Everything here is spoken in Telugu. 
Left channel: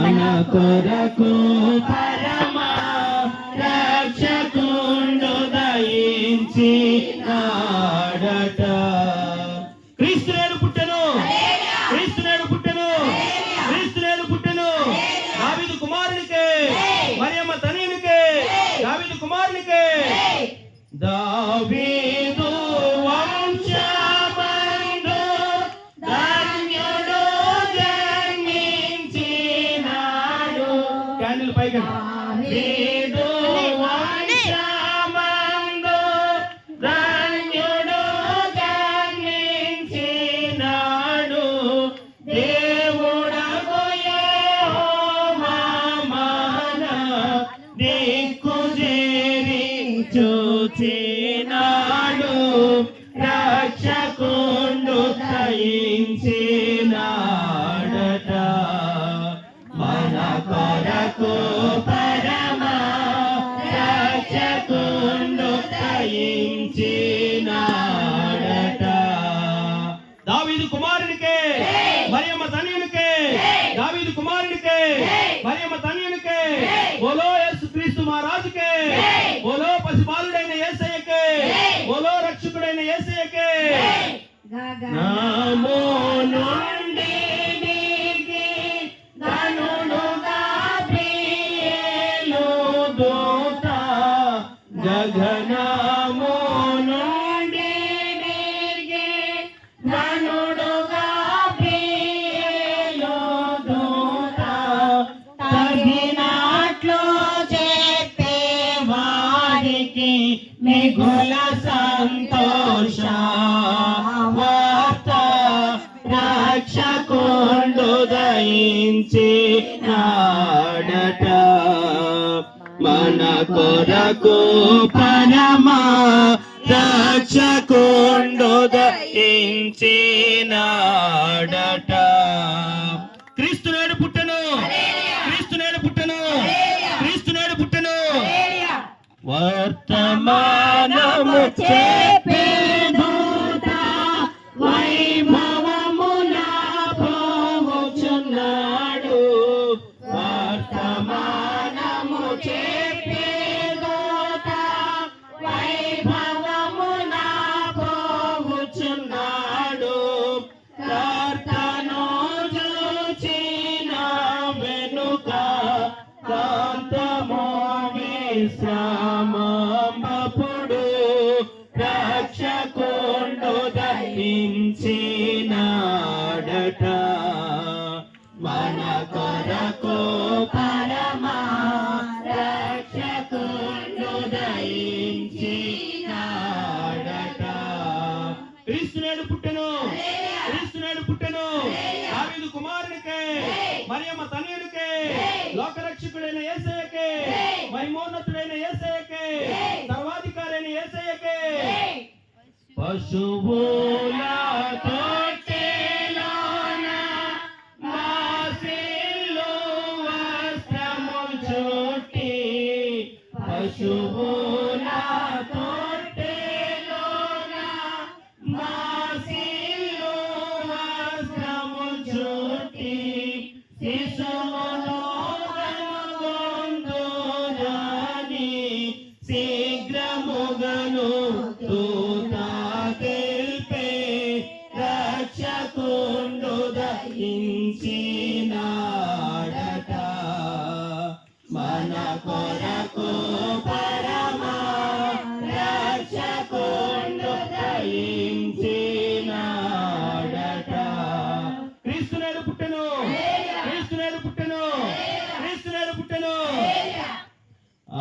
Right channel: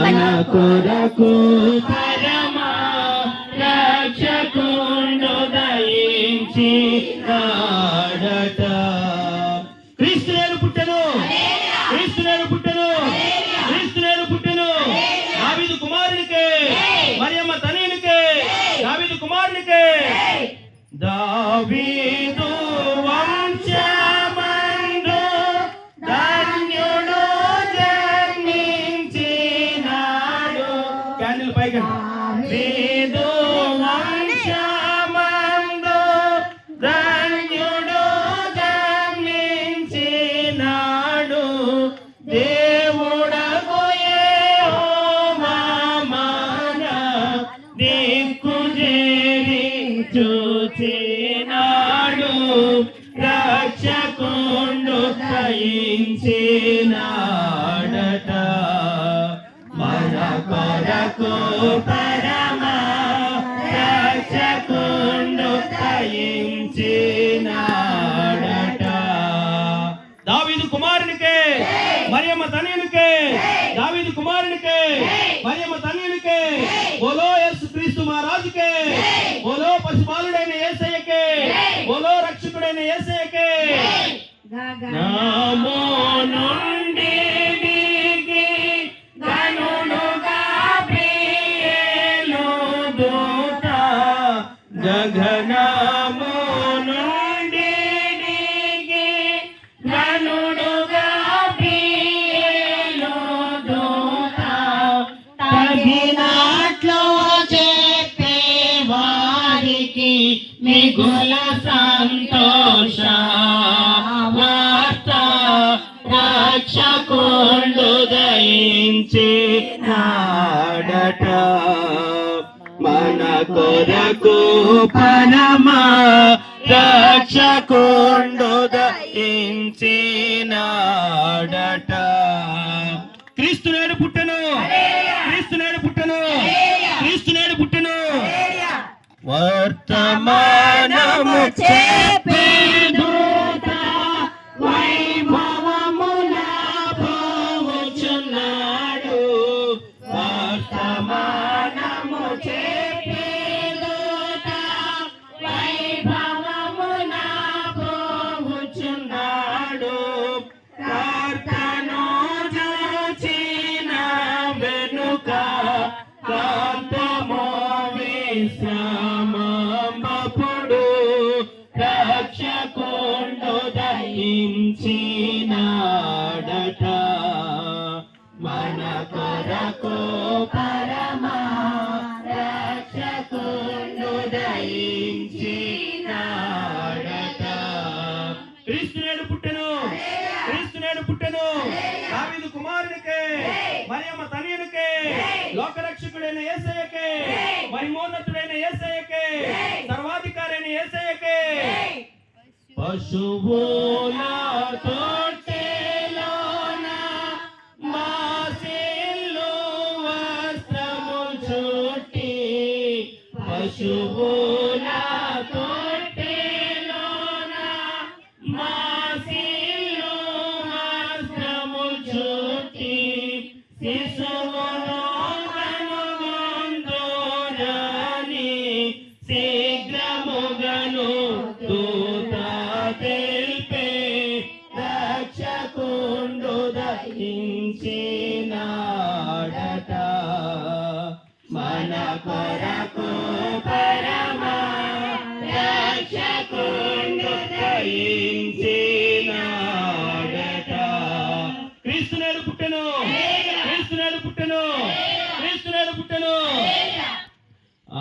మన కొరకు పరమ రక్షకుండు దయించి నాడట. క్రీస్తు నేడు పుట్టెను, క్రీస్తు నేడు పుట్టెను, క్రీస్తు నేడు పుట్టెను. దావీదు కుమారునికే, మరియమ్మ తనయునికే, దావీదు కుమారునికే. దావీదు వంశమందు ధన్యుడు జన్మించినాడు. క్యాండిల్ పైకి. దావీదు వంశమందు ధన్యుడు జన్మించినాడు. దేవుడగు యెహోవా మన దిక్కు చేరి చూచినాడు. రక్షకుండు దయించినాడట. మన కొరకు పరమ రక్షకుండు దయించినాడట. దావీదు కుమారునికే, మరియమ్మ తనయునికే, దావీదు కుమారునికే, మరియమ్మ తనయునికే. బోలో యేసుక్రీస్తు మహారాజుకే, బోలో పశుపాలుడైన యేసయ్యకే, బోలో రక్షకుడైన యేసయ్యకే. నామో నుండి దిగి ధనుడు గాబ్రియేలు దూత, గగనము నుండి దిగి ధనుడు గాబ్రియేలు దూత, తగినట్లు చెప్పే వారికి మిగుల సంతోష వార్త. రక్షకుండు దయించినాడట. మన కొరకు పరమ రక్షకుండు దయించినాడట. క్రీస్తు నేడు పుట్టెను, క్రీస్తు నేడు పుట్టెను, క్రీస్తు నేడు పుట్టెను. వర్తమానము చెప్పే దూత వైభవమున పోవచ్చున్నాడు. వర్తమానము చెప్పే దూత వైభవమున పోవచ్చున్నాడు. ప్రార్థనో చూచిన వెనుక కాంతమో విశ్రామప్పుడు రక్షకుండు దయించినాడట. మన కొరకు పరమ రక్షకుండు దయించినాడట. క్రీస్తు నేడు పుట్టెను, క్రీస్తు నేడు పుట్టెను. దావీదు కుమారునికే, మరియమ్మ తనయునికే, లోకరక్షకుడైన యేసయ్యకే, మహిమోన్నతుడైన యేసయ్యకే, సర్వాధికారి అయిన యేసయ్యకే. పశువుల తొట్టెలోన మాసిల్లు వస్త్రము చుట్టి, పశువుల తొట్టెలోన మాసిల్లు వస్త్రము చుట్టి, శిశువును కనుగొందురని శీఘ్రముగను దూత తెలిపే. రక్షకుండు దయించినాడట. మన కొరకు పరమ రక్షకుండు దయించినాడట. క్రీస్తు నేడు పుట్టెను,